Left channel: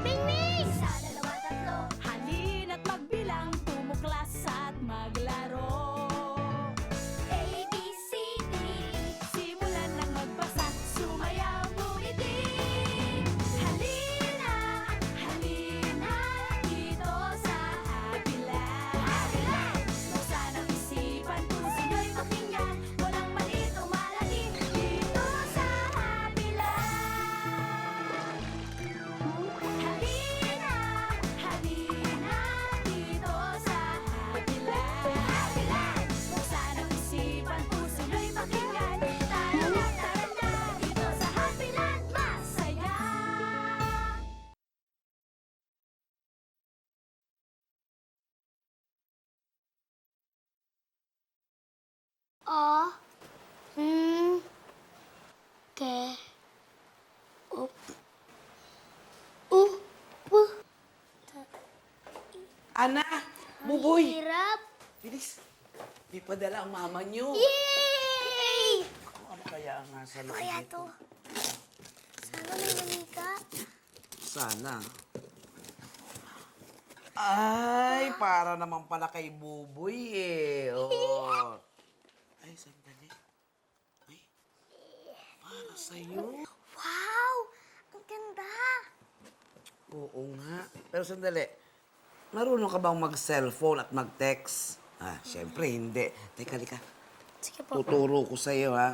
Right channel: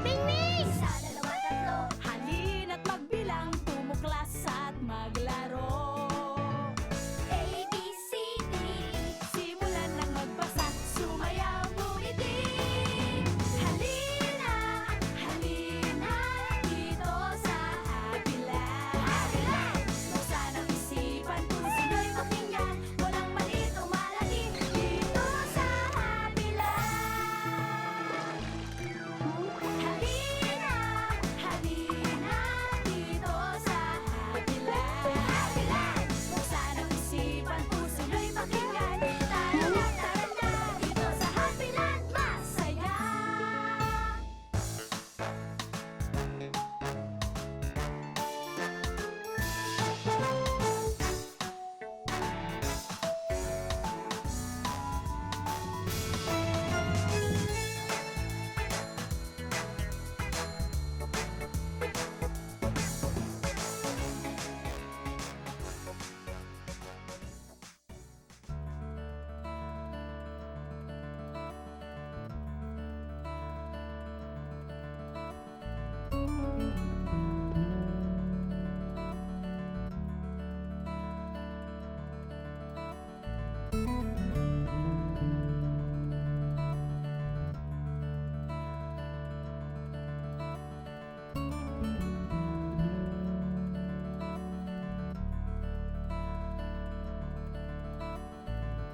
Bing! Isa, dalawa, tatlo. Halina't magbilang, tumuklas at maglaro. A, B, C, D. Simulan ng magbasa, sumayaw ngumiti. Halina, halina, dito sa Happy Land. Buksan ang isipan, puso nyo'y pakinggan. Walang maliit o malaki, dito sa Happy Land. Halina, halina, dito sa Happy Land. Buksan ang isipan, puso nyo'y pakinggan. Tara na, dito sa Happy Land, masaya. O. Ke. Anak, buboy. Hirap. Di pa dala ang mama niyo. Yay! Ano kaya ang nasa Ano kaya to? Sana may manika. Sana. Ay, para naman pala kay buboy eh. Oh. Para sa'yo. Wow! Ang ganda! Oo nga. Pero sandali, marunong ka bang mag-cellphone at mag-text? Ah, syempre hindi. Teka, lika. Sige po. Tuturo ko sa'yo, ha?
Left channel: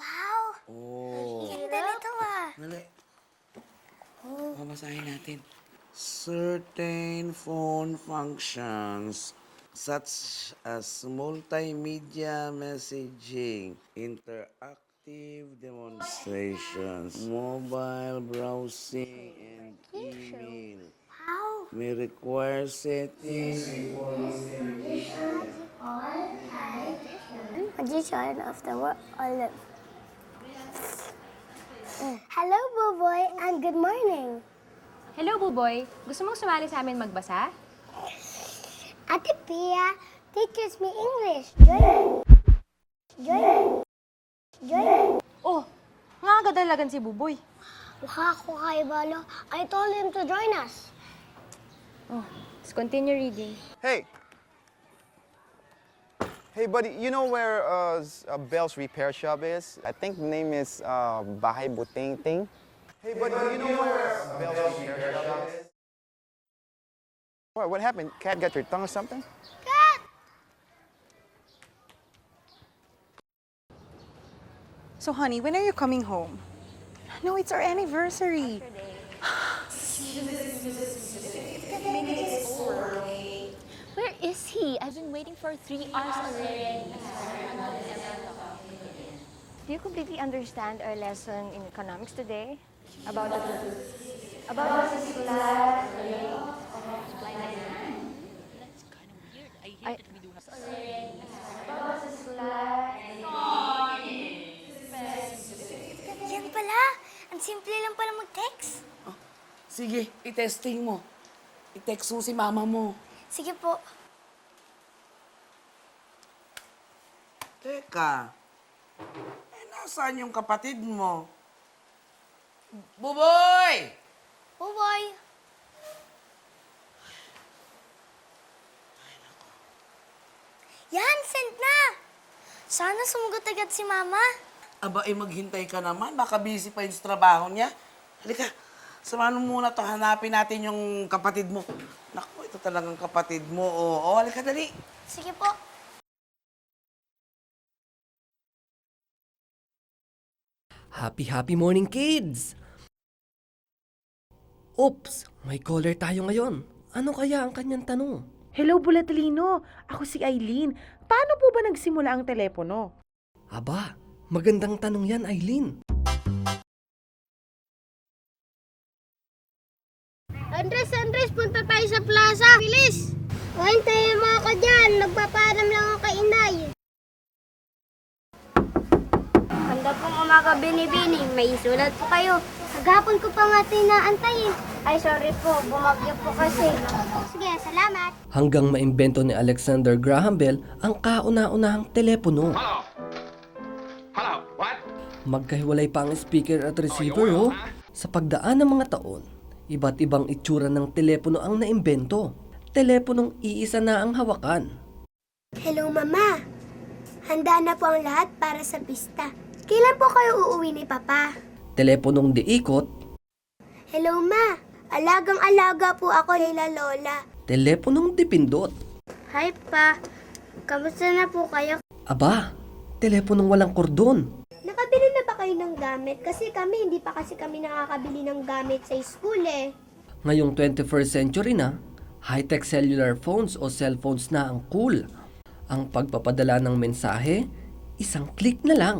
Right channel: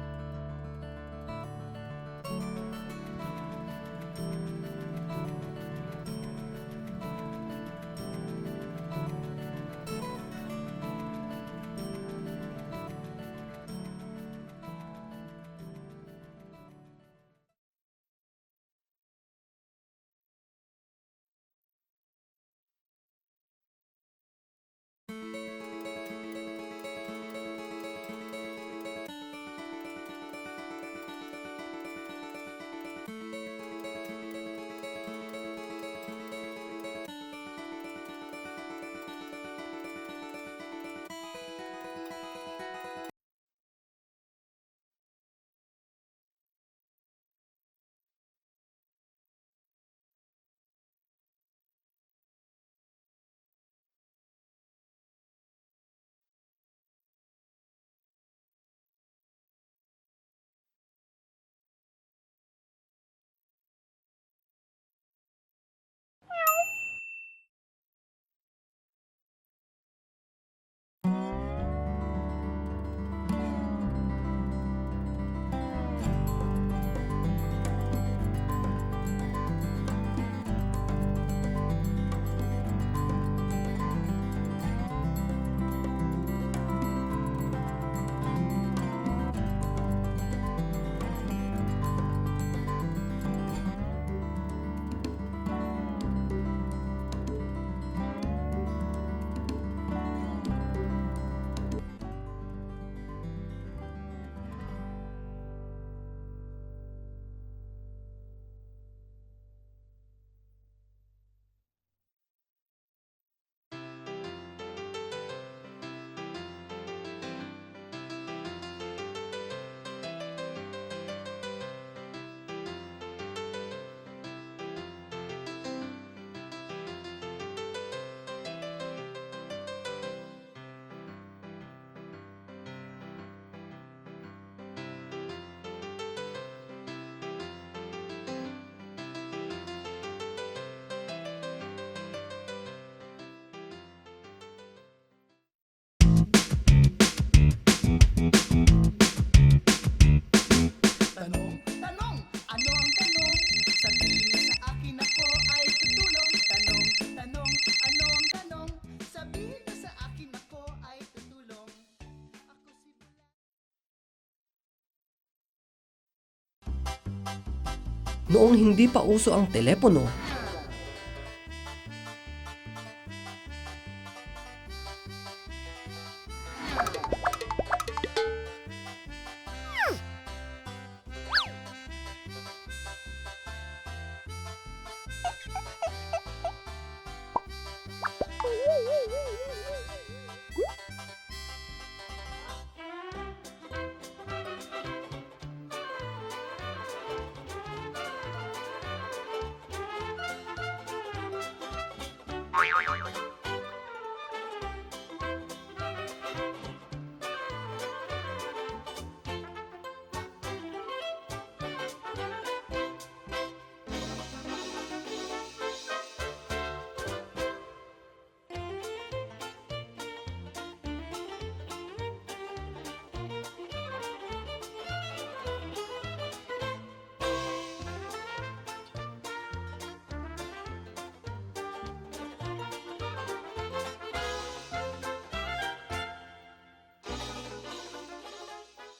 Wow! Oh. Ang ganda nito ah. Babasahin natin. Certain phone functions such as multimedia messaging, interactive demonstrations, mobile browsing, and email Wow! may require settings. Position of the word alert. Hello, Buboy, and good morning. Hello, Buboy. Gusto mong sumali sa amin magbasa? Ate Pia teaches me English. Join. Oh, nga agad dalagan si Buboy. Mukha ako kay Balo. I told him to join us. Oh, let's continue reading. Hey. Hey, buddy, you know where Bell's repair shop is? I think the name is Bahay Buting Ting. Hey, buddy, you know where Bell's repair shop is? What happened? Cat got your tongue or something? Cat! So, honey, when are you coming home? No, it's our anniversary. Where is he? I've been waiting for 3 hours already. Do you completely understand our lesson in economics today? About the Yan pala. Ang simple lang pala mag-text. Sige, i-testing mo. I-text mo si mama mo. Sige po. Teka, nasaan yung kapatid mo? Buboy! Buboy! Yan, send na! Sana sumugot agad si Mama. Aba, maghintay ka naman. Baka busy pa yung sa trabaho niya. Halika, samahan mo muna to. Hanapin natin yung kapatid mo. Naku, ito talagang kapatid mo. Oo, halika, dali. Sige po. Happy morning, kids! Oops! May caller tayo ngayon. Ano kaya ang kanyang tanong? Hello, Bulatlino. Ako si Eileen. Paano po ba nagsimula ang telepono? Aba, magandang tanong yan, Eileen. Noong hindi pa uso ang telepono, Andres, punta tayo sa plaza. Bilis! Hintayin mo ako dyan. Nagpaparam lang ako kay Inay. Hanggang pong umaga binibining, may sulat po kayo. Naghapon ko pa nga tinaantayin. Ay, sorry po. Bumagyo po kasi. Sige, salamat. hanggang maimbento ni Alexander Graham Bell ang kauna-unahang telepono. Magkahiwalay pa ang speaker at receiver, oh. Sa pagdaan ng mga taon, iba't ibang itsura ng telepono ang naimbento. Teleponong iisa na ang hawakan. Hello, Mama. Handa na po ang lahat para sa pista. Kailan po kayo uuwi ni Papa? Teleponong diikot, Hello, Ma. Alagang-alaga po ako nila Lola. teleponong dipindot. Hi, Pa. Kamusta na po kayo? Aba, teleponong walang kordon. Nakabili na ba kayo ng gamit? Kasi hindi pa kasi kami nakakabili ng gamit sa school eh. Ngayong 21st century na, high-tech cellular phones o cellphones na ang cool. Ang pagpapadala ng mensahe, isang click na lang.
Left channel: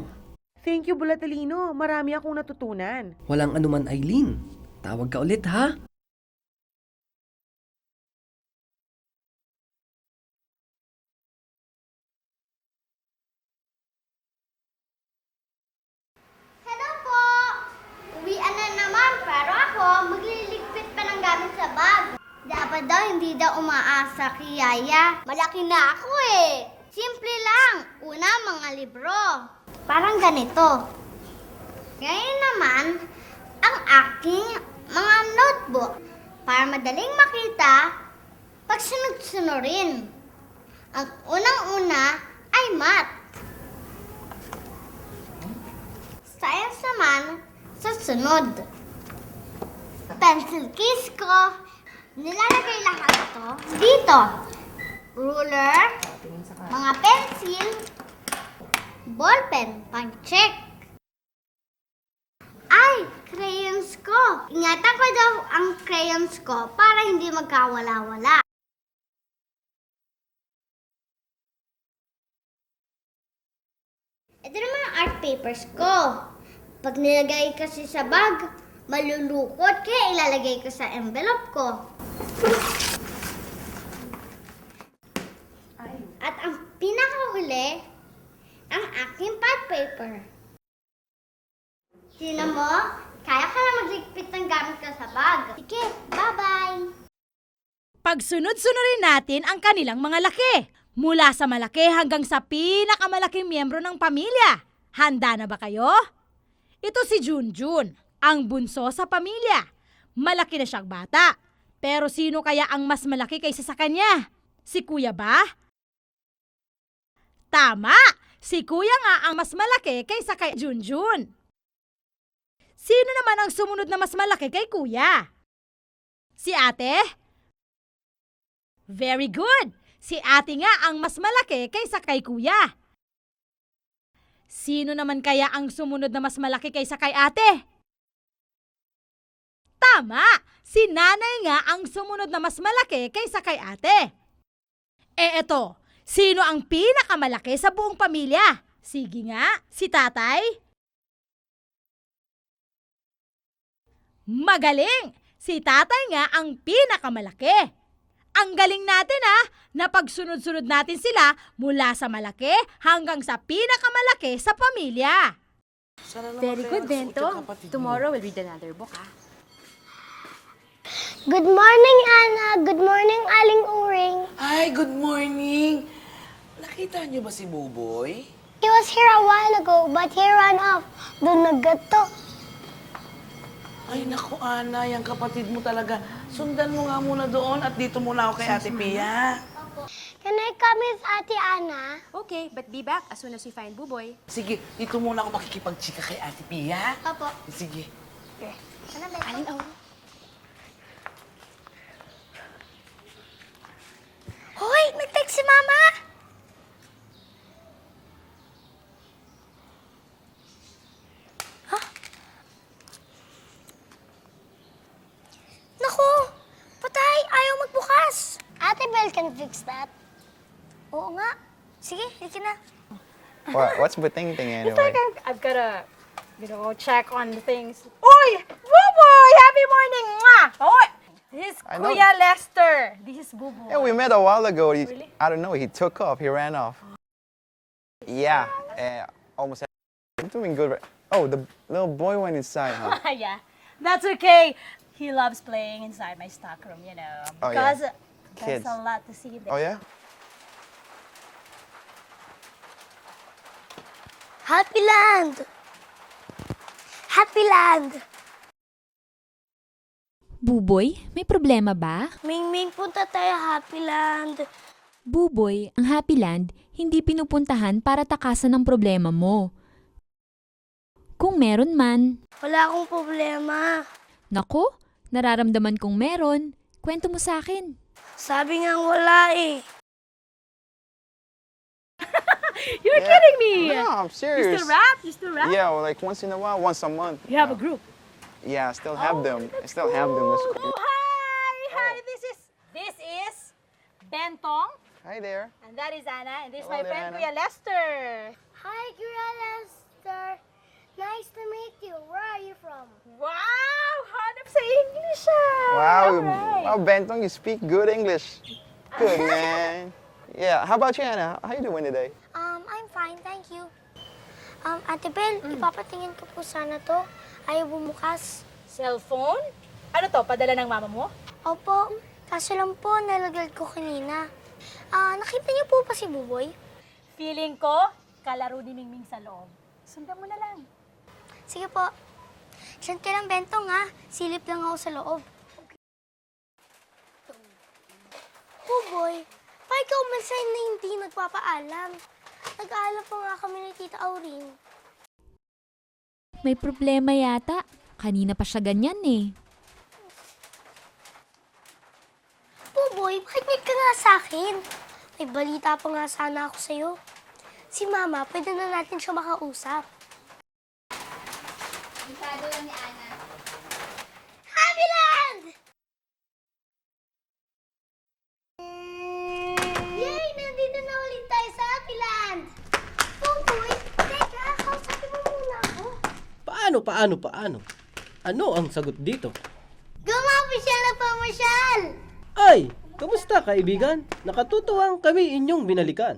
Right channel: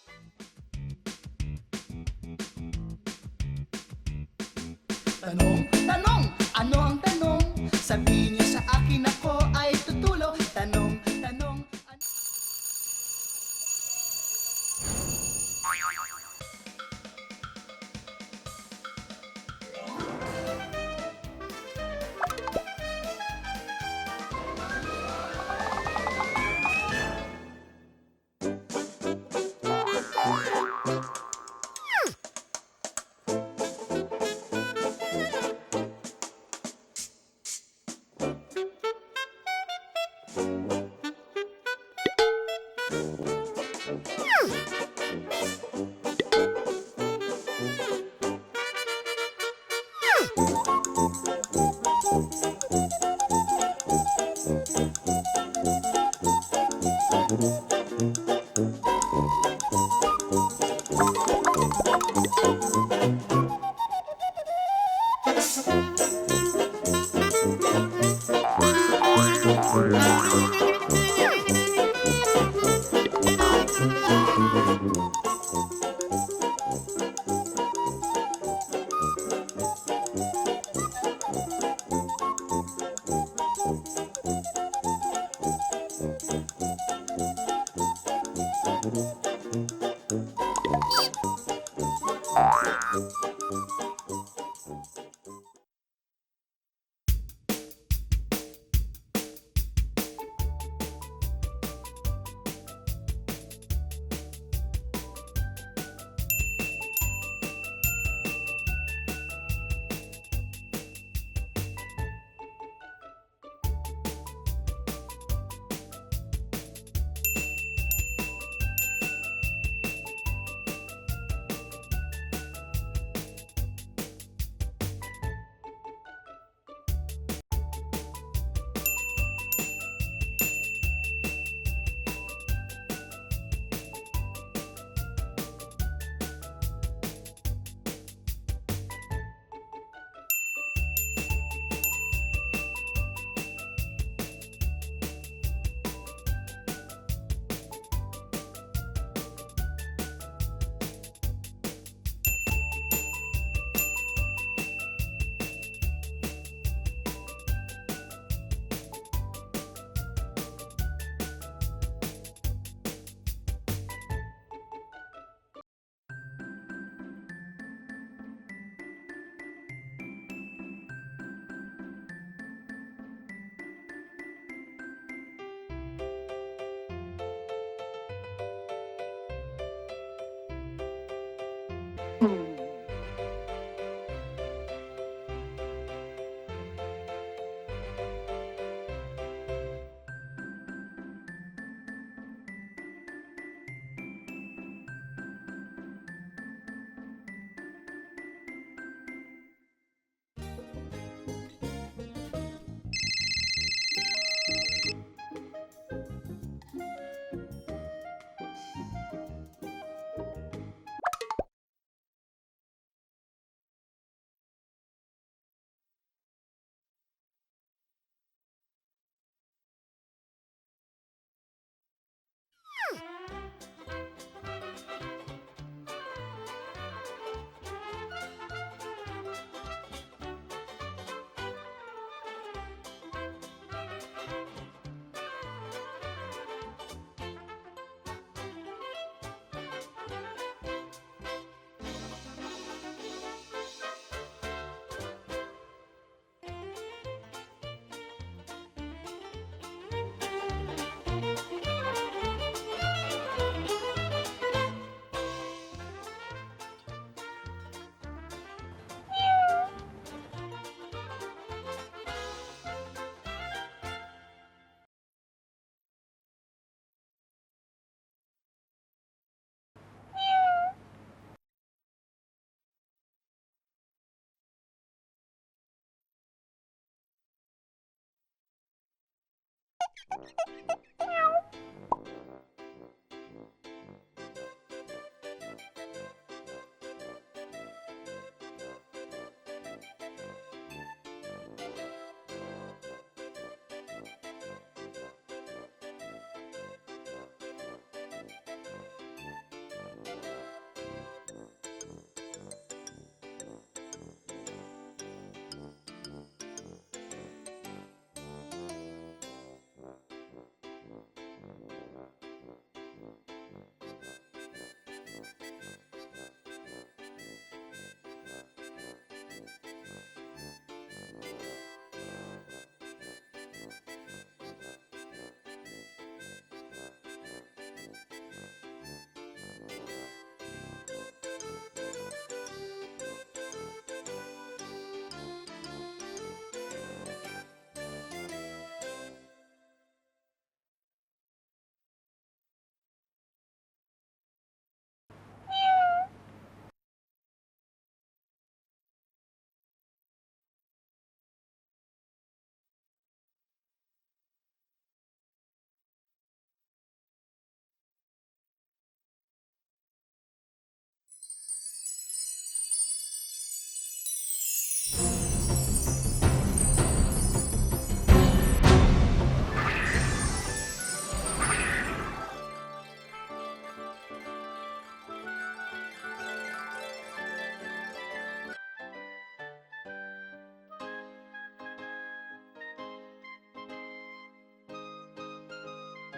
Thank you, Bulatalino. Marami akong natutunan. Walang anuman, Aileen. Tawag ka ulit, ha? Tanong, ano ang tanong? Sabihin niyo sa akin, ako ay tutulong. Tanong, tanong, Hello po! Uwian na naman, pero ako magliligpit pa ng gamit sa bag. Dapat daw hindi daw umaasa kay Yaya. Malaki na ako eh. Simple lang. Una, mga libro. Parang ganito. Ngayon naman, ang aking mga notebook. Para madaling makita, pag sunod-sunurin. Ang unang-una ay math. Science naman, susunod. Pencil case ko, nilalagay lahat ko dito. Ruler, mga pencil, ballpen, check. Ay, crayons ko. Ingatan ko daw ang crayons ko para hindi magkawala-wala. Ang art papers ko. Pag nilagay kasi sa bag, malulukot kaya ilalagay ko sa envelope ko. At ang pinakahuli, ang aking pad paper. Sino mo? Kaya ka na magligpit ng gamit ka sa bag. Sige, bye-bye! Pagsunod-sunurin natin ang kanilang mga laki. Mula sa malaki hanggang sa pinakamalaking miyembro ng pamilya. Handa na ba kayo? Ito si Junjun, ang bunso sa pamilya. Malaki na siyang bata. Pero sino kaya ang mas malaki kaysa sa kanya? Si Kuya ba? Tama! Si Kuya nga ang mas malaki kaysa kay Junjun. Sino naman ang sumunod na mas malaki kay Kuya? Si Ate? Very good! Si Ate nga ang mas malaki kaysa kay Kuya. Sino naman kaya ang sumunod na mas malaki kaysa kay Ate? Tama! Si Nanay nga ang sumunod na mas malaki kaysa kay Ate. Eto, sino ang pinakamalaki sa buong pamilya? Sige nga, si Tatay? Magaling! Si Tatay nga ang pinakamalaki. Ang galing natin na pagsunod-sunod natin sila mula sa malaki hanggang sa pinakamalaki sa pamilya. Sana naman Very kaya good, nasuot Bento. yung kapatid mo. Tomorrow we'll read another book, ha? Good morning, Ana. Good morning, Aling Uring. Ay, good morning! Nakita niyo ba si Buboy? He was here a while ago, but he ran off. Doon naggato. Ay, naku, Ana, yung kapatid mo talaga. Sundan mo nga muna doon at dito muna ako kay Ate Pia. Can I come with Ate Ana? Okay, but be back as soon as we find Buboy. Sige, dito muna ako makikipagchika kay Ate Pia. Opo. Sige. Aling Auro. Hoy, nag-text si Mama! Naku! Patay! Ayaw magbukas! Ate Belle can fix that. Oo nga. Sige, hikin na. What's Buting Ting anyway? I've gotta, check on things. Uy! Buboy! Happy morning! Mwah! Hoy! This is I know. Kuya Lester. This is Buboy. Yeah, we met a while ago. I don't know, he took off, he ran off. Yeah, almost. I'm doing good. Oh, the little boy went inside, huh? Yeah, that's okay. He loves playing inside my stockroom, Oh, yeah. Because Kids. there's a lot to see there. Oh, yeah? Happy Land! Happy Land! Buboy, may problema ba? Ming, punta tayo Happy Land. Buboy, ang Happy Land, hindi pinupuntahan para takasan ng problema mo. Kung meron man. Wala akong problema. Nako, nararamdaman kong meron. Kwento mo sa akin. Sabi nga wala eh. You're kidding me! No, I'm You serious. still rap? You still rap? Yeah, well, like once in a while, once a month. You have a group. Yeah, I still have them. I still have them. That's Oh, cool. hi! This is Bentong, Hi there. and that is Anna, and this is Hello my there, friend Anna. Kuya Lester. Hi, Lester. Nice to meet you. Where are you from? Wow! Hanap sa English ah! Wow, Alright. wow, Bentong, you speak good English. Good, man. Yeah, how about you, Anna? How you doing today? I'm fine, thank you. Ate Bel, ipapatingin ko po sana to. Ayaw bumukas. Cellphone? Ano to, padala ng mama mo? Opo, kaso lang po, nalaglag ko kanina. Nakita niyo po pa si Buboy? Feeling ko, kalaro din Mingming sa loob. Sundan mo na lang. Sige po. Diyan ka lang, Bentong ha. Silip lang ako sa loob. Buboy, pa ikaw man na hindi nagpapaalam. Nag-aalam pa nga kami ni Tita Auring. May problema yata. Kanina pa siya ganyan eh. Buboy, makinig ka nga sa akin. May balita pa nga sana ako sa'yo. Si Mama, pwede na natin siya makausap. Happy Land! Yay! Nandito na ulit tayo sa Happy Land! Buboy, teka, kausapin mo muna ako. Paano? Ano ang sagot dito? Gumapisyal na pamasyal! Ay, kamusta kaibigan? Nakatutuwang kami inyong binalikan.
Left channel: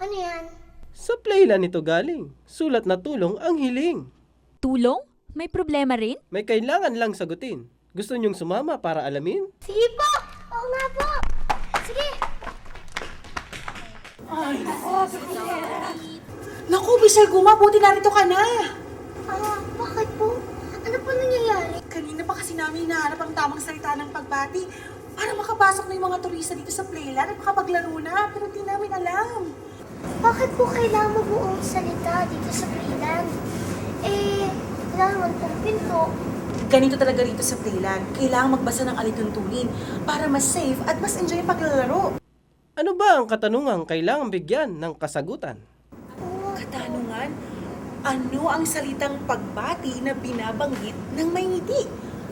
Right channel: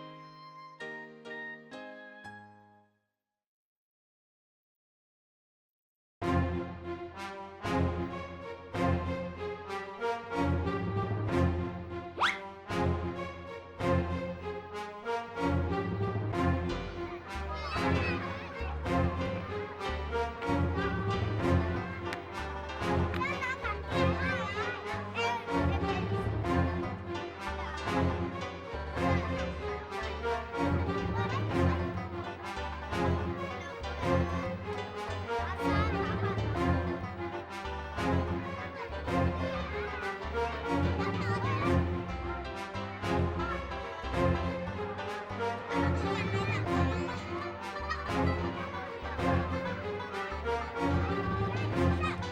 Ano yan? Sa playland ito galing. Sulat na tulong ang hiling. Tulong? May problema rin? May kailangan lang sagutin. Gusto niyong sumama para alamin? Sige po! Oo nga po! Sige! Naku, Bisal Guma, buti narito ka na. Bakit po? Ano po nangyayari? Kanina pa kasi namin hinahanap ang tamang salita ng pagbati para makabasok na yung mga turista dito sa playland at makapaglaro na, pero di namin alam. Bakit po kailangan magbuong salita dito sa Playland? Kailangan magpapil po. Ganito talaga rito sa playland. Kailangan magbasa ng alituntunin para mas safe at mas enjoy paglalaro. Ano ba ang katanungang kailangang bigyan ng kasagutan? Katanungan, ano ang salitang pagbati na binabanggit ng may ngiti?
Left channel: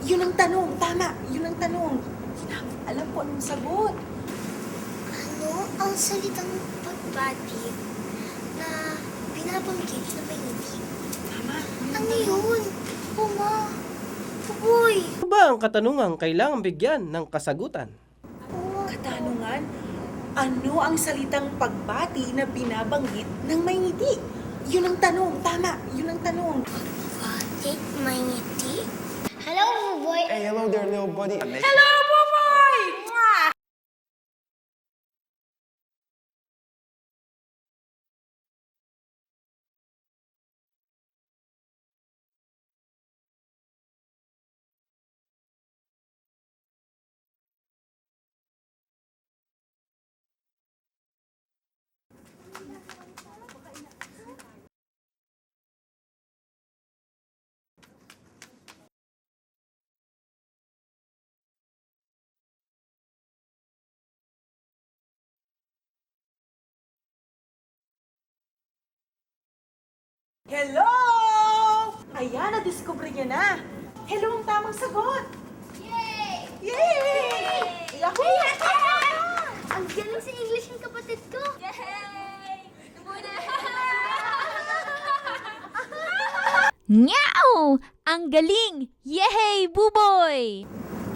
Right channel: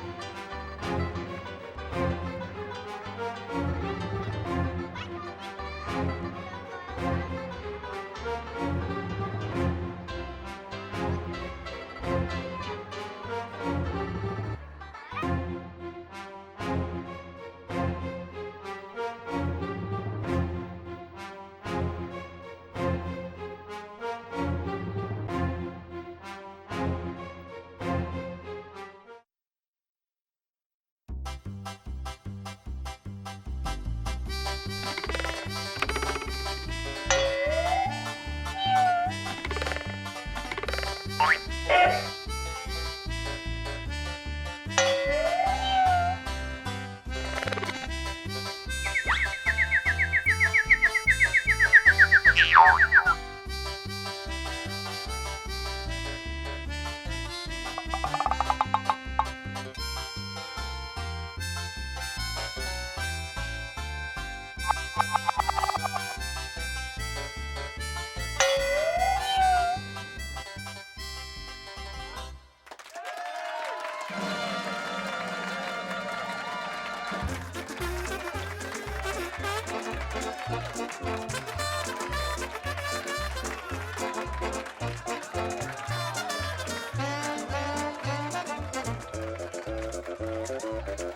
Yun ang tanong, tama, yun ang tanong. Alam ko anong sagot. Ano ang salitang pagbati na binabanggit na may ngiti? Ano yun? Mama, Buboy. Ano ba ang katanungang kailangang bigyan ng kasagutan? Katanungan, ano ang salitang pagbati na binabanggit ng may ngiti? Yun ang tanong, tama, yun ang tanong. Pagbati, may ngiti? Hello, Buboy. Hey, hello there, little buddy. Hello, Buboy! Mwah! Hello! Ayan, na-discover niya na. Hello, ang tamang sagot. Yay! Naku! Ang ganda sa English ng kapatid ko. Meow! Ang galing! Yehey, Buboy!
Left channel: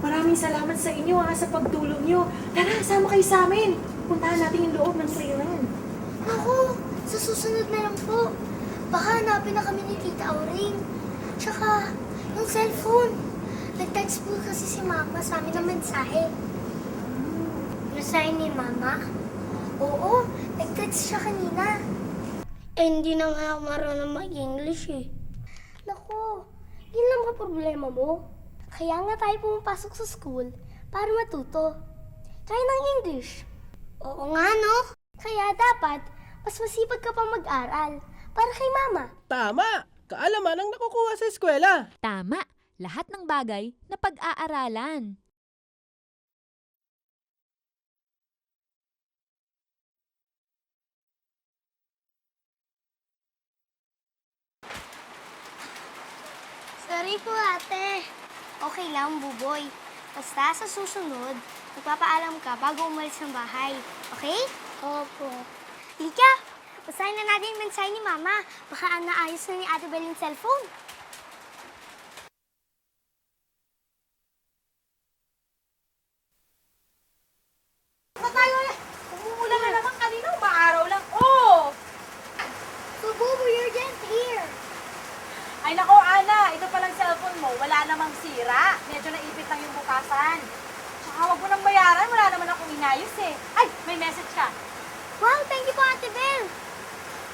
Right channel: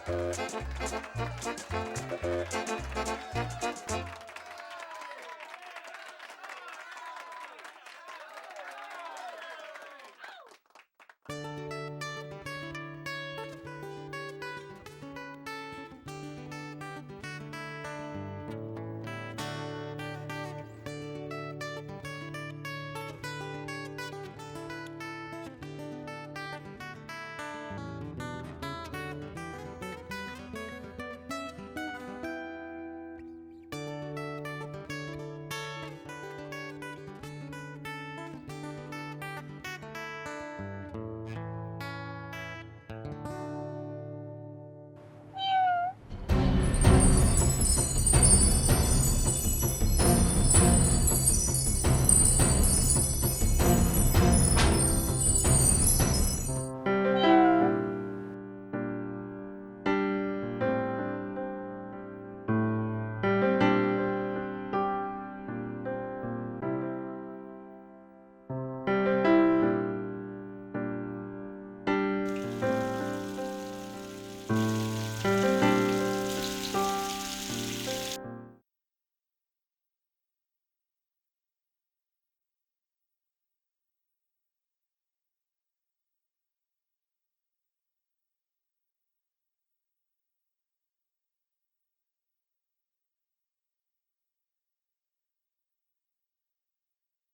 Maraming salamat sa inyo sa pagtulong nyo. Tara, sama kayo sa amin. Puntahan natin yung loob ng playland. Naku, sa susunod na lang po. Baka hanapin na kami ni Tita Auring. Tsaka, yung cellphone. Nag-text po kasi si Mama sa amin ng mensahe. Mensahe ni Mama? Oo, nag-text siya kanina. Hindi na nga ako marunong mag-English eh. Naku, Yun lang ba problema mo? Kaya nga tayo pumapasok sa school para matuto. Try ng English. Oo nga, no? Kaya dapat, mas masipag ka pa mag-aral para kay mama. Tama! Kaalaman ang nakukuha sa eskwela. Tama! Lahat ng bagay na pag-aaralan. Sorry po, ate. Okay lang, Buboy. Basta sa susunod, magpapaalam ka bago umalis ng bahay. Okay? Opo. Tika, basahin na natin yung mensahe ni Mama. Baka naayos na ni Ate Bel yung cellphone. Sa tayo na. Umumulan na naman kanina. Maaraw lang. Oh! So, Buboy, you're just here. Ay nako, Ana. Ito palang cellphone mo. Wala namang sira. Medyo naipit lang yung bukasan. Tsaka huwag mo nang bayaran. Wala naman akong inayos eh. Ay, may message ka. Wow, thank you po, Ate Bel.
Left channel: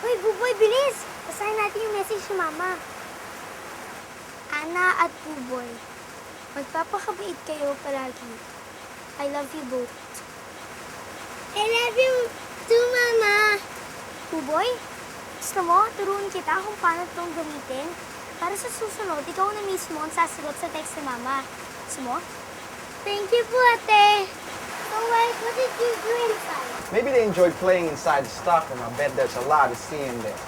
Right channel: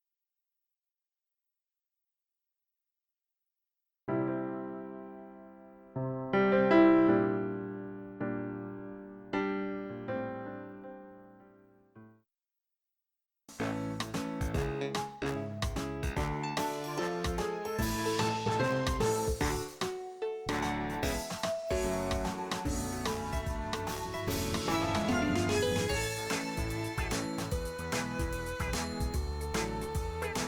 Uy, Buboy, bilis. Basahin natin yung message ni Mama. Ana at Buboy, magpapakabait kayo palagi. I love you both. I love you too, Mama. Buboy, gusto mo, turuan kita kung paano itong gamitin? Para sa susunod, ikaw na mismo ang sasagot sa text ni Mama. Gusto mo? Thank you po, Ate. Oh, well, what did you do inside? Maybe they enjoy playing inside the stockroom. I bet there's a lot to see in there.